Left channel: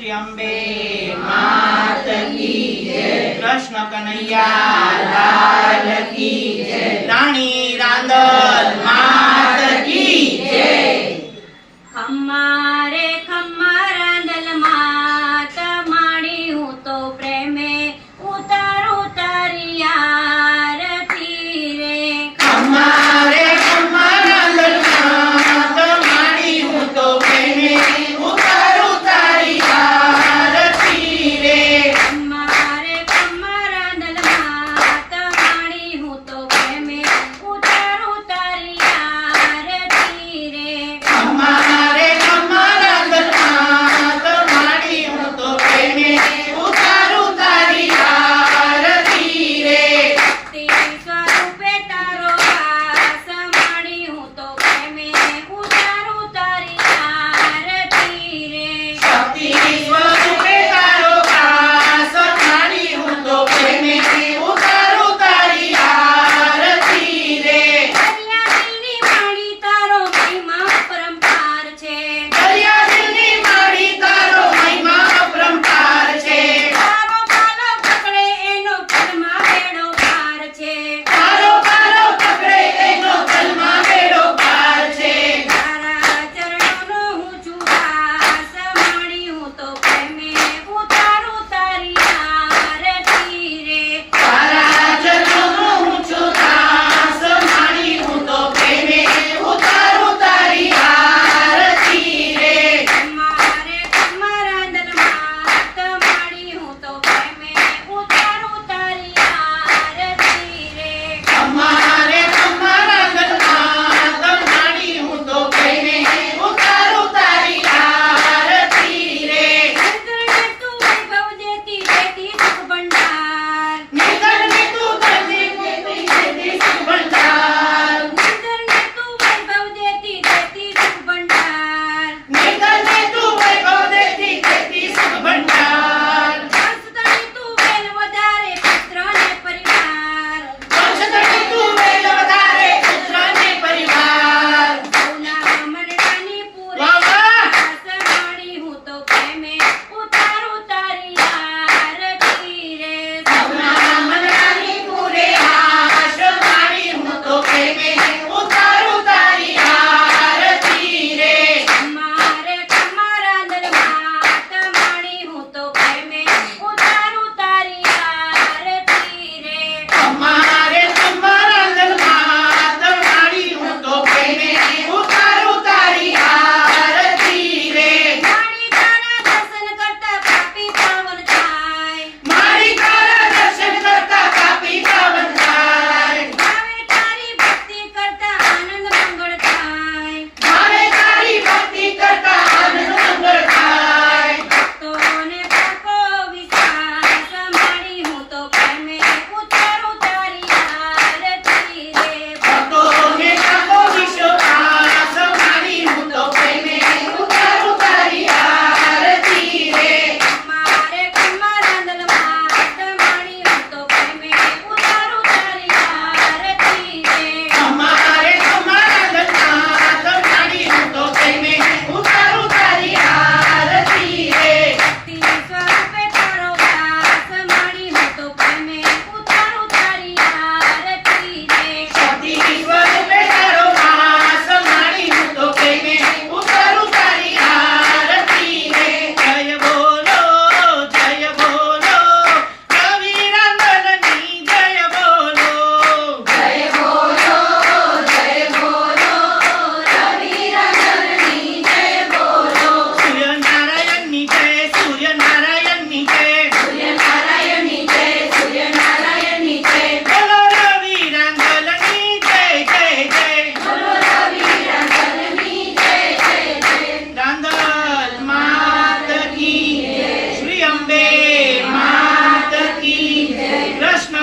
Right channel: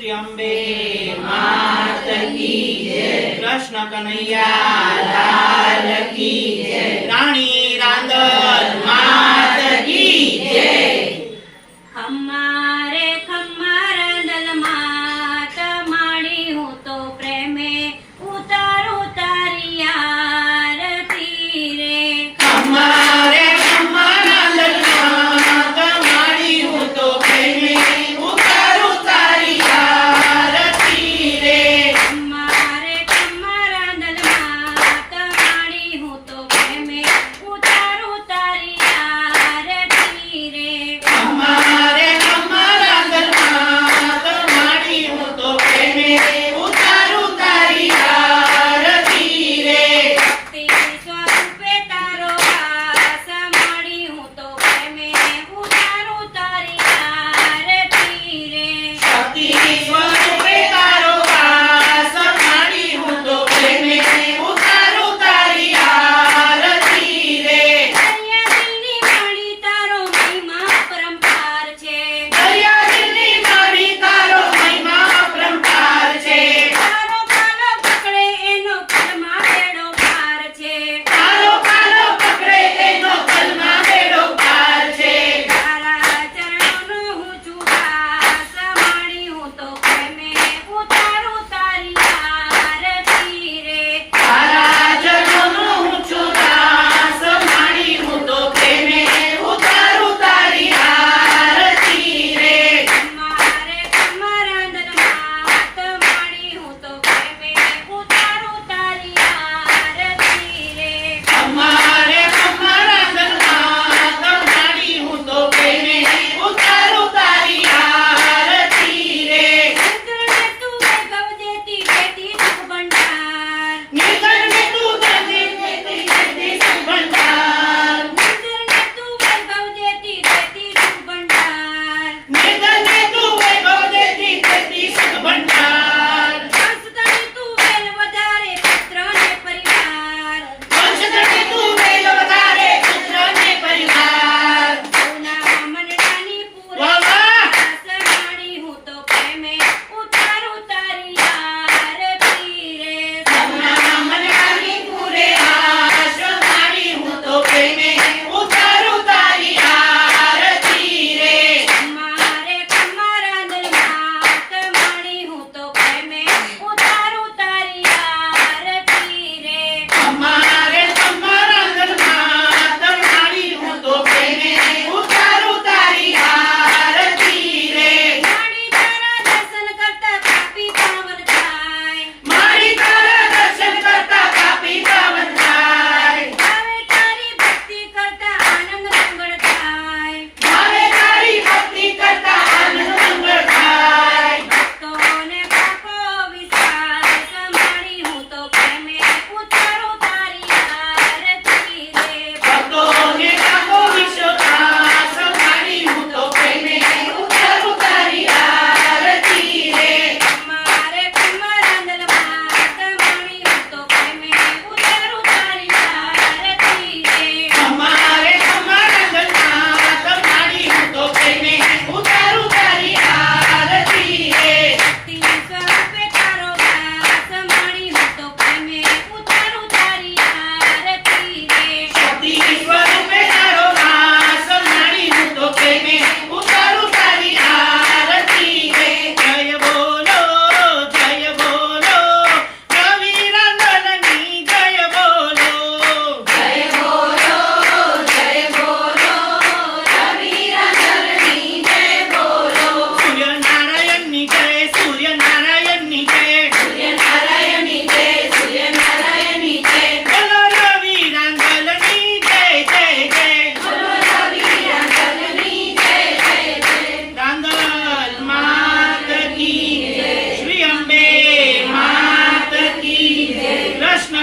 શ્રી અંબે કૃષ્ણ કનૈયા લાલ કી જય રાણી રાંદલ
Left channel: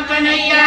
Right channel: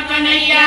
கணையா